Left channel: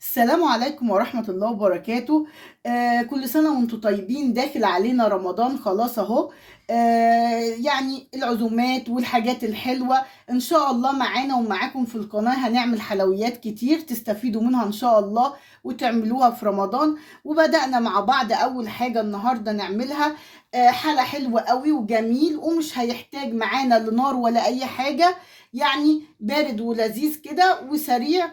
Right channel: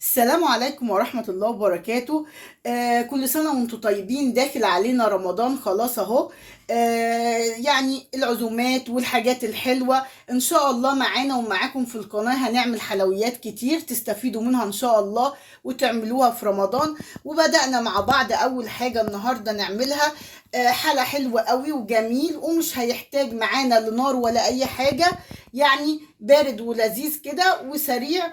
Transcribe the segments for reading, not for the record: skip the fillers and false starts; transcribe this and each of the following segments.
السلام عليكم ورحمة الله وبركاته. كل سنة وانتم طيبين. داخل علينا رمضان خلاص اهو. يعني العزومات والحاجات الحلوة ان شاء الله معانا ومعاكم في القناة. هنعمل حلويات كتير تستفيدوا منها ان شاء الله وتعملوها في رمضان. وبدأنا مع بعض اول حاجة النهاردة نعملها حلا حلوة قوي وجميل، ومش هيحتاج معانا لنار ولا اي حاجة. يعني بارد ولذيذ كده وسريع.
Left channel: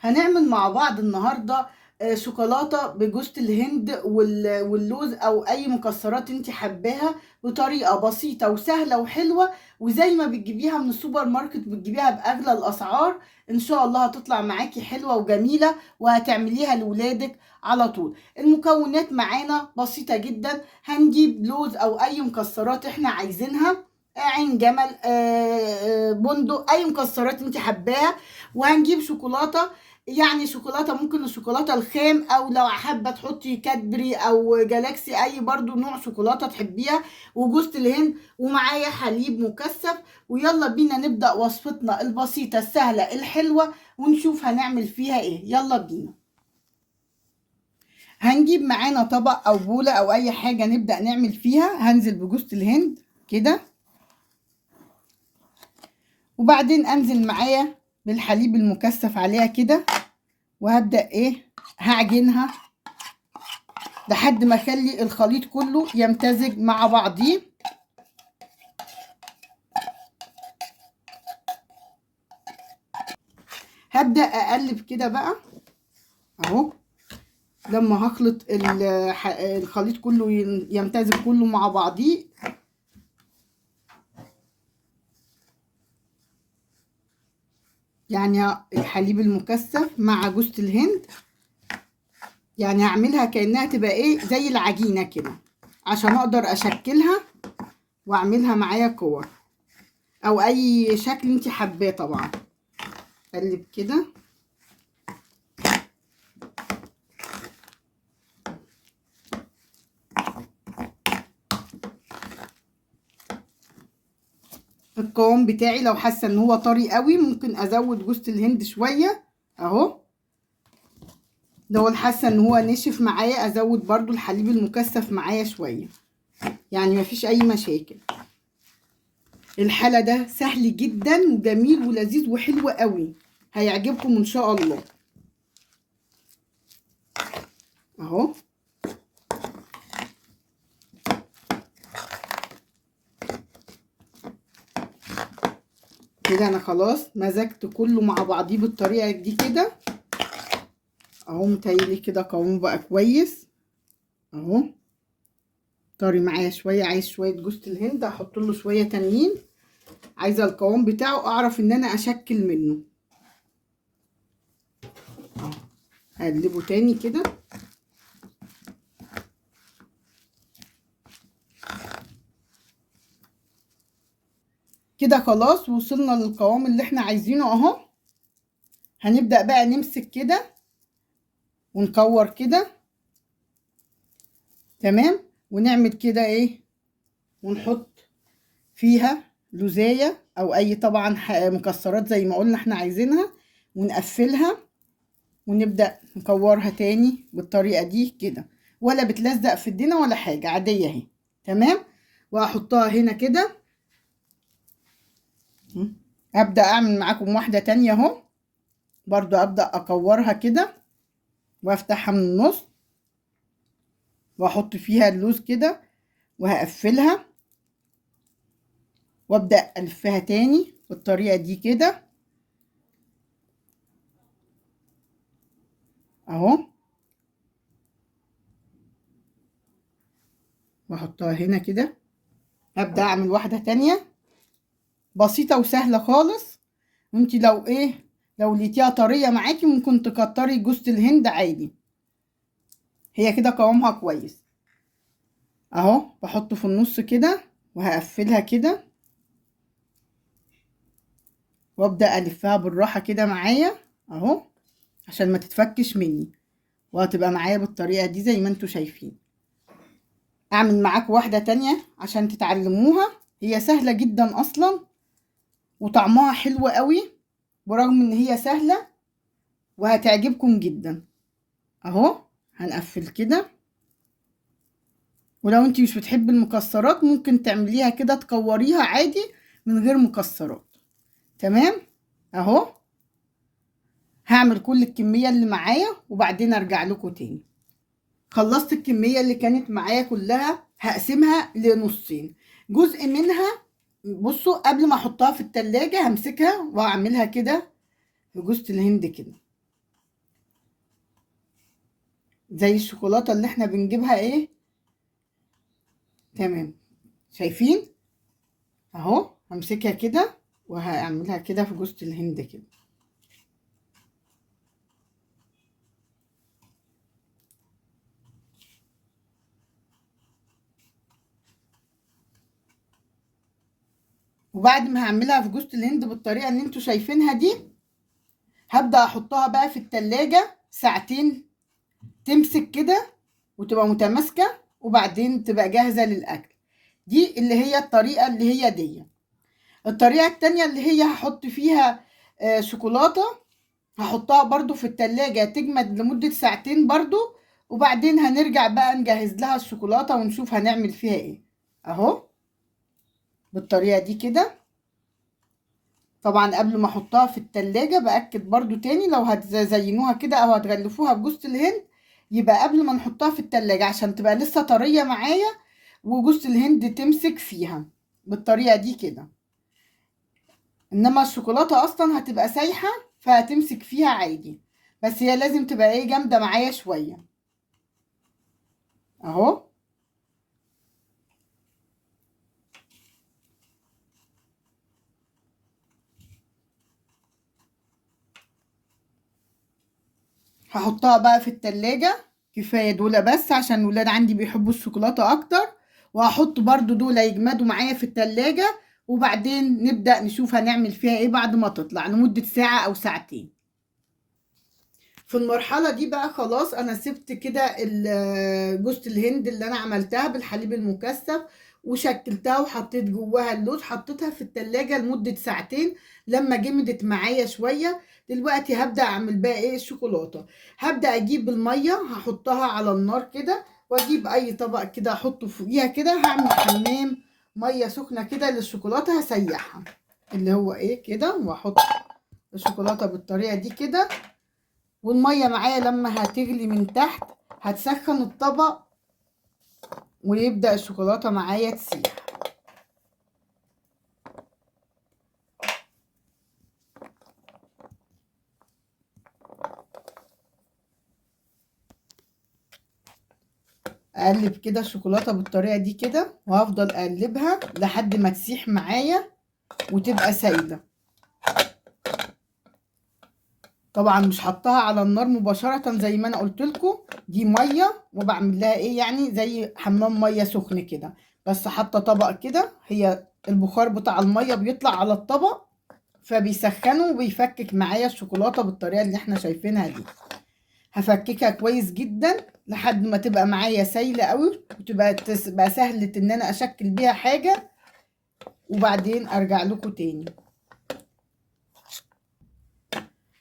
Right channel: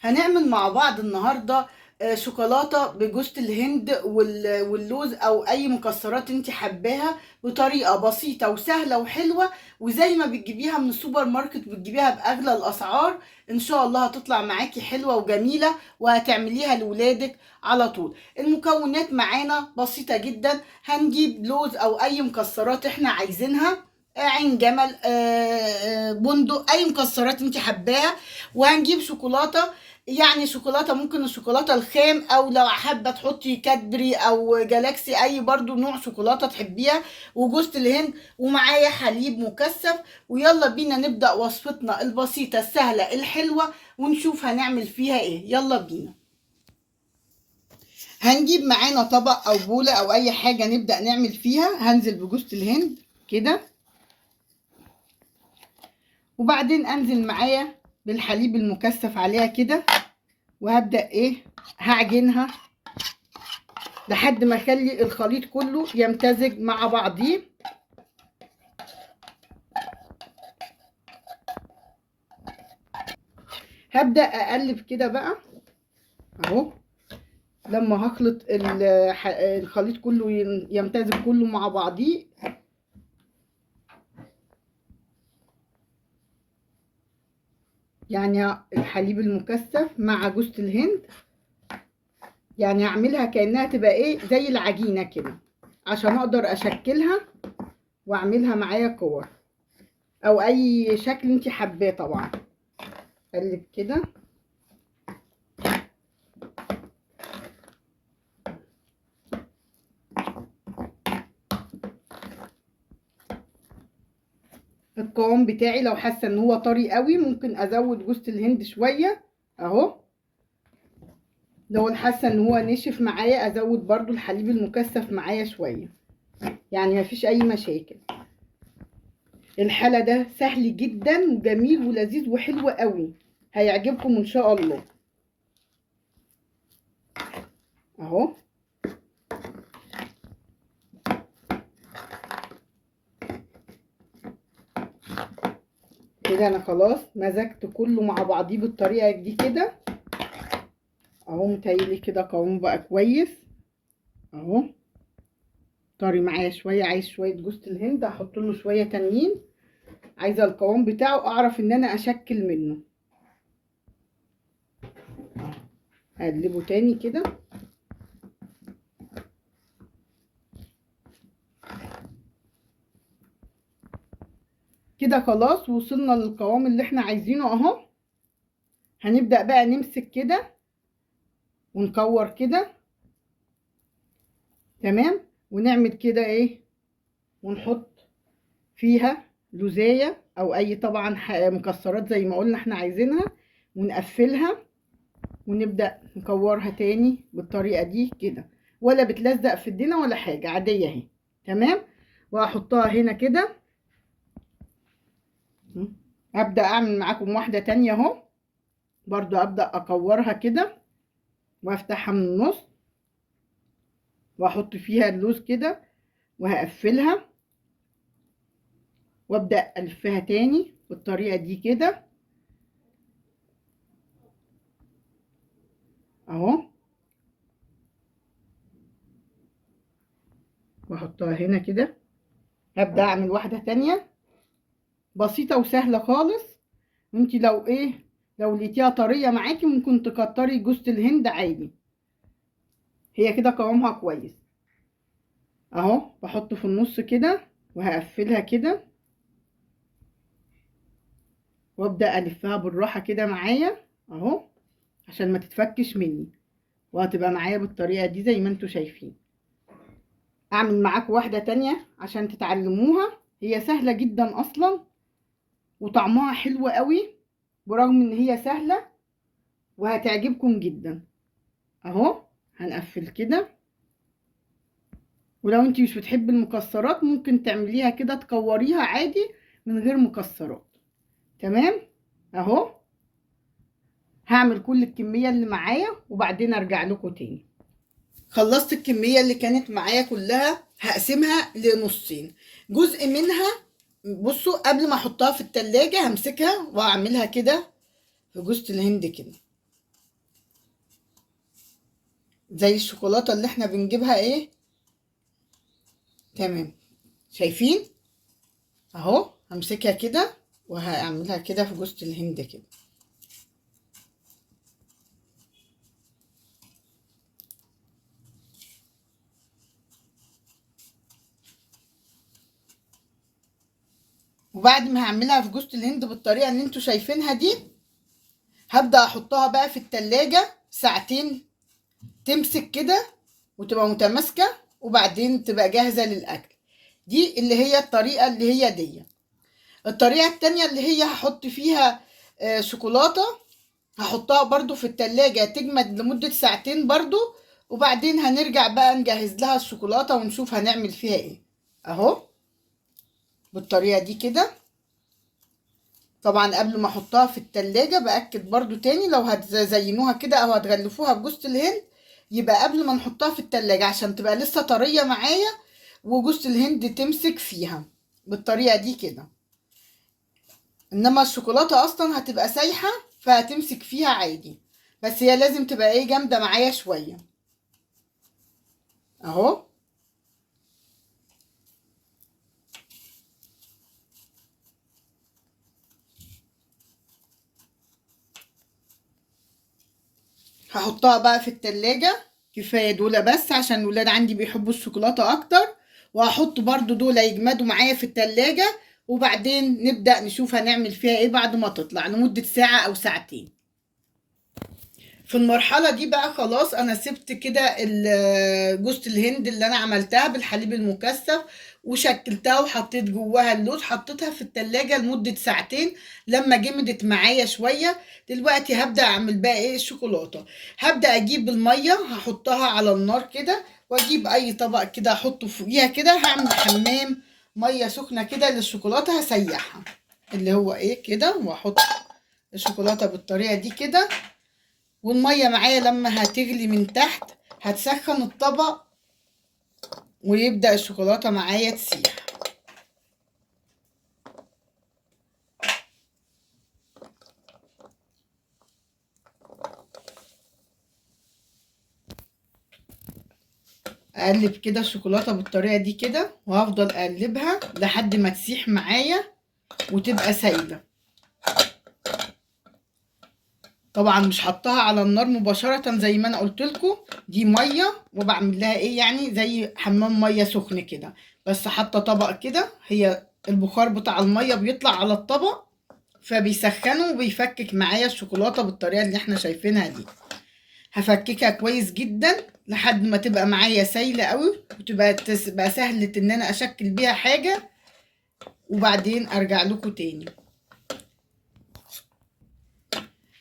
هنعمل مع بعض النهارده شوكولاته بجوز الهند واللوز او اي مكسرات انت حباها، بطريقه بسيطه وسهله وحلوه، وزي ما بتجيبيها من السوبر ماركت بتجيبيها باغلى الاسعار. ان شاء الله هتطلع معاكي حلوه وجميله وهتعمليها لولادك على طول. المكونات معانا بسيطه جدا. هنجيب لوز او اي مكسرات احنا عايزينها، عين جمل، بندق، اي مكسرات انت حباها. وهنجيب شوكولاته، يعني شوكولاته ممكن الشوكولاته الخام، او لو حابه تحطي كادبري او جالاكسي اي برضو نوع شوكولاته تحبيها، وجوز الهند، ومعايا حليب مكثف. ويلا بينا نبدا وصفتنا البسيطه السهله الحلوه ونشوف هنعمل فيها ايه. يلا بينا. هنجيب معانا طبق او بوله او اي حاجه نبدا نعمل فيها. هنزل بجوز الهند كده، وبعدين انزل معايا بالحليب المكثف عليها كده، وهبدأ هعجنها لحد ما اخلي الخليط كله يمتزج مع بعضيه. هبدأ اقلب كده بقى اهو لما هخلط الخليط كله يمتزج كله مع بعضيه. يعني الحليب المكثف مع جوز الهند، يعني هعملها كأنها تبقى زي العجينة كده عشان اقدر اشكلها واعملها معايا كور او اي شكل انت حباه طبعا. اقلب كده. القوام بتاعي لو حاسه ان هو طري قوي ممكن ازود جوز الهند شويه اهو. لو حاسه ان هو نشف معايا ازود برضو الحليب المكثف معايا شويه، يعني مفيش اي مشاكل. الحلا ده سهل جدا وجميل ولذيذ وحلو قوي، هيعجبكم ان شاء الله اهو. كده انا خلاص مزجت كله مع بعضيه بالطريقه دي كده اهو. متهيألي كده قوامه بقى كويس اهو. طري معايا شويه، عايز شويه جوز الهند هحط له شويه تانيين. عايزه القوام بتاعه اعرف ان انا اشكل منه. هقلبه تاني كده. كده خلاص وصلنا للقوام اللي احنا عايزينه اهو. هنبدأ بقى نمسك كده ونكور كده تمام، ونعمل كده ونحط فيها لوزاية او اي طبعا مكسرات زي ما قلنا احنا عايزينها، ونقفلها ونبدأ نكورها تاني بالطريقة دي كده، ولا بتلزق في ايدينا ولا حاجة، عادية اهي تمام. وهحطها هنا كده. ابدأ اعمل معاكم واحدة تانية اهو، برضو ابدأ اكورها كده وافتحها من النص واحط فيها اللوز كده وهقفلها، وابدأ الفها تاني بالطريقة دي كده اهو، واحطها هنا كده. هبدأ اعمل واحدة تانية بسيطة وسهلة خالص. وانتي لو لقيتيها طرية معاكي ممكن تكتري جوز الهند عادي. هي كده قوامها كويس اهو. بحطه في النص كده وهقفلها كده، وابدأ الفها بالراحة كده معايا اهو عشان ما تتفكش مني، وهتبقى معايا بالطريقة دي زي ما انتوا شايفين. اعمل معاكم واحدة تانية عشان تتعلموها. هي سهلة جدا اصلا وطعمها حلو قوي، برغم ان هي سهلة وهتعجبكم جدا. اهو هنقفل كده. ولو انت مش بتحبي المكسرات ممكن تعمليها كده تكوريها عادي من غير مكسرات. تمام. اهو هعمل كل الكمية اللي معايا وبعدين ارجع لكم تاني. خلصت الكمية اللي كانت معايا كلها، هقسمها لنصين. جزء منها بصوا قبل ما احطها في التلاجة همسكها واعملها كده في جوزة الهند كده، زي الشوكولاتة اللي احنا بنجيبها ايه. تمام. شايفين؟ اهو همسكها كده وهعملها كده في جوزة الهند كده. وبعد ما هعملها في جوزة الهند بالطريقة اللي انتوا شايفينها دي، هبدأ احطها بقى في التلاجة ساعتين تمسك كده وتبقى متماسكة، وبعدين تبقى جاهزة للأكل. دي اللي هي الطريقة اللي هي دي. الطريقة التانية اللي هي هحط فيها شوكولاتة، هحطها برضو في التلاجة تجمد لمدة ساعتين برضو، وبعدين هنرجع بقى نجهز لها الشوكولاتة ونشوف هنعمل فيها ايه. اهو بالطريقة دي كده. طبعا قبل ما احطها في التلاجة باكد برضو تاني، لو هتزينوها كده او هتغلفوها بجوز الهند يبقى قبل ما نحطها في التلاجة عشان تبقى لسه طرية معايا وجوز الهند تمسك فيها بالطريقة دي كده. انما الشوكولاتة اصلا هتبقى سايحة فهتمسك فيها عادي، بس هي لازم تبقى ايه جامدة معايا شوية. اهو هحطها بقى في التلاجة. كفاية دول بس عشان الولاد عندي بيحبوا الشوكولاتة اكتر، وهحط برضو دول يجمدوا معايا في التلاجة، وبعدين نبدأ نشوف هنعمل فيها ايه بعد ما تطلع لمدة ساعة او ساعتين. في المرحلة دي بقى خلاص انا سبت كده جوز الهند اللي انا عملتها بالحليب المكثف وشكلتها وحطيت جواها اللوز، حطيتها في التلاجة لمدة ساعتين لما جمدت معايا شوية. دلوقتي هبدأ اعمل بقى ايه الشوكولاتة. هبدأ اجيب المية هحطها على النار كده، واجيب اي طبق كده احطه فوقيها كده، هعمل حمام مية سخنة كده للشوكولاتة هسيحها اللي هو ايه كده، واحط الشوكولاتة بالطريقة دي كده. والمية معايا لما هتغلي من تحت هتسخن الطبق ويبدأ الشوكولاتة معايا تسيح. اقلب كده الشوكولاتة بالطريقة دي كده، وهفضل اقلبها لحد ما تسيح معايا وتبقى سايلة. طبعا مش حطها على النار مباشرة زي ما انا قلت لكم، دي مية وبعمل لها ايه يعني زي حمام مية سخن كده، بس حاطة طبق كده، هي البخار بتاع المية بيطلع على الطبق فبيسخنه وبيفكك معايا الشوكولاتة بالطريقة اللي احنا شايفينها دي. هفككها كويس جدا لحد ما تبقى معايا سايلة قوي وتبقى سهلة ان انا اشكل بيها حاجة، وبعدين ارجع لكم تاني.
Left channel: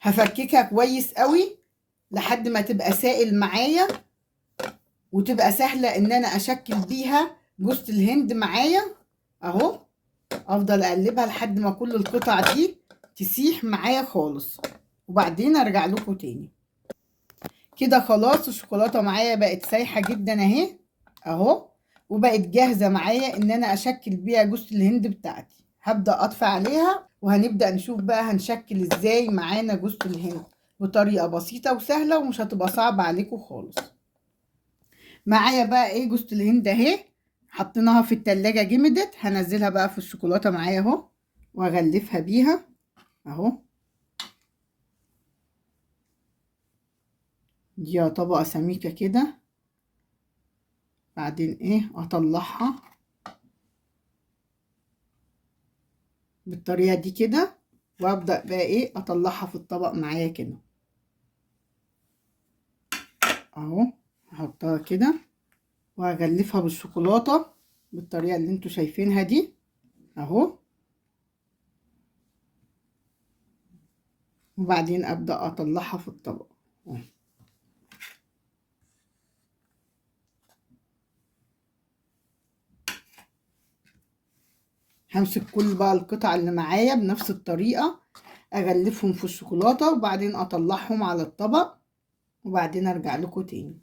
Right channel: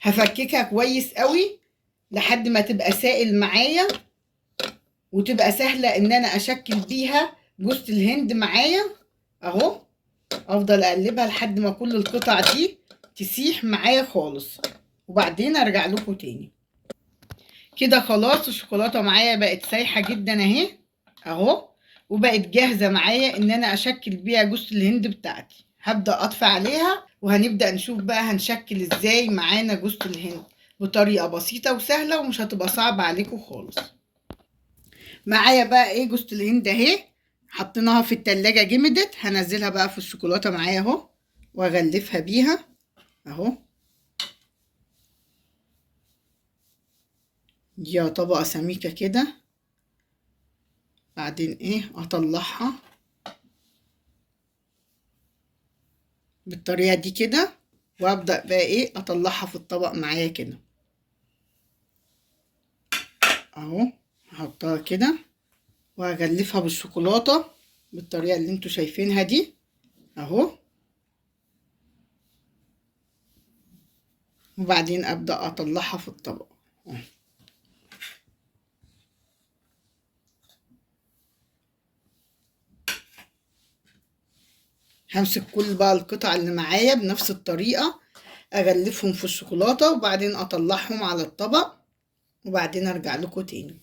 هفككها كويس قوي لحد ما تبقى سائل معايا وتبقى سهلة ان انا اشكل بيها جوز الهند معايا. اهو افضل اقلبها لحد ما كل القطع دي تسيح معايا خالص، وبعدين ارجع لكم تاني. كده خلاص الشوكولاتة معايا بقت سايحة جدا اهي. اهو وبقت جاهزة معايا ان انا اشكل بيها جوز الهند بتاعتي. هبدأ اطفي عليها وهنبدأ نشوف بقى هنشكل ازاي معانا جوز الهند بطريقة بسيطة وسهلة ومش هتبقى صعبة عليكم خالص. معايا بقى ايه جوز الهند اهي، حطيناها في التلاجة جمدت. هنزلها بقى في الشوكولاتة معايا اهو واغلفها بيها اهو. دي طبقة سميكة كده، بعدين ايه اطلعها بالطريقة دي كده، وابدأ بقى ايه اطلعها في الطبق معايا كده اهو. هحطها كده وهغلفها بالشوكولاتة بالطريقة اللي انتوا شايفينها دي اهو. وبعدين ابدأ اطلعها في الطبق. همسك كل بقى القطع اللي معايا بنفس الطريقة، اغلفهم في الشوكولاتة وبعدين اطلعهم على الطبق وبعدين ارجع لكم تاني.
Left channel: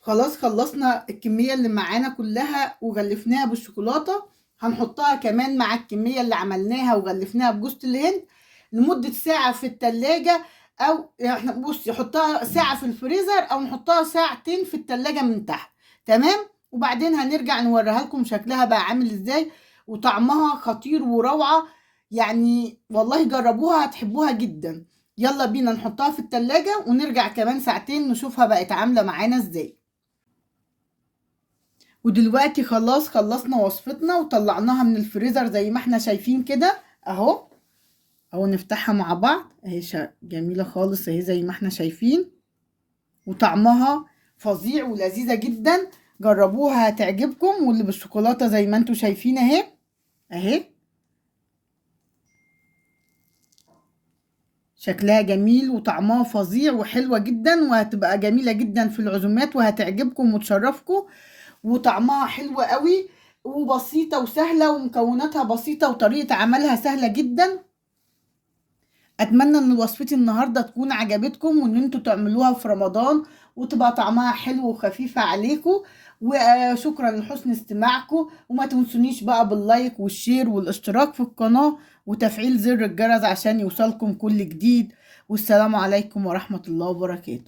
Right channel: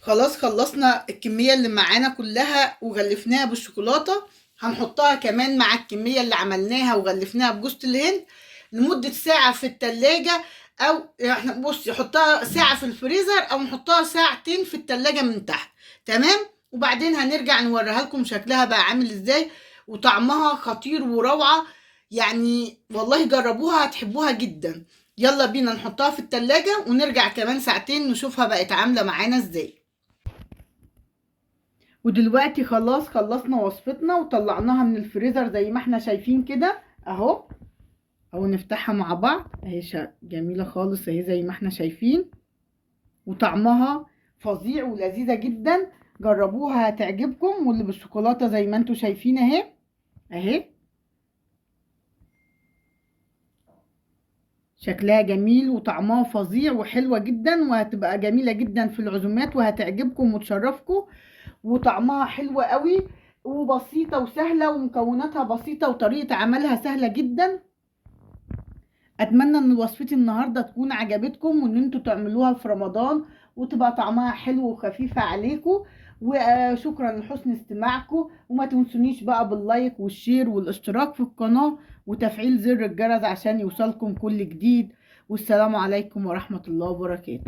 خلاص خلصنا الكمية اللي معانا كلها وغلفناها بالشوكولاتة. هنحطها كمان مع الكمية اللي عملناها وغلفناها بجوز الهند لمدة ساعة في التلاجة، او احنا بصي حطها ساعة في الفريزر او نحطها ساعتين في التلاجة من تحت. تمام. وبعدين هنرجع نوريها لكم شكلها بقى عامل ازاي، وطعمها خطير وروعة. يعني والله جربوها هتحبوها جدا. يلا بينا نحطها في التلاجة ونرجع كمان ساعتين نشوفها بقت عاملة معانا ازاي. ودلوقتي خلاص خلصنا وصفتنا وطلعناها من الفريزر زي ما احنا شايفين كده اهو. اهو نفتحها مع بعض اهي جميلة خالص اهي زي ما احنا شايفين، وطعمها فظيع ولذيذة جدا. جربوها هتعجبكم. واللي بالشوكولاتة زي ما انتوا شايفين اهي اهي شكلها جميل وطعمها فظيع وحلوة جدا، وهتبقى جميلة جدا في العزومات وهتعجبكم وتشرفكم. وطعمها حلو قوي وبسيطة وسهلة ومكوناتها بسيطة وطريقة عملها سهلة جدا. اتمنى ان وصفتي النهاردة تكون عجبتكم وان انتوا تعملوها في رمضان وتبقى طعمها حلو وخفيفة عليكم. وشكرا لحسن استماعكم، وما تنسونيش بقى باللايك والشير والاشتراك في القناة وتفعيل زر الجرس عشان يوصلكم كل جديد. والسلام عليكم ورحمة الله وبركاته.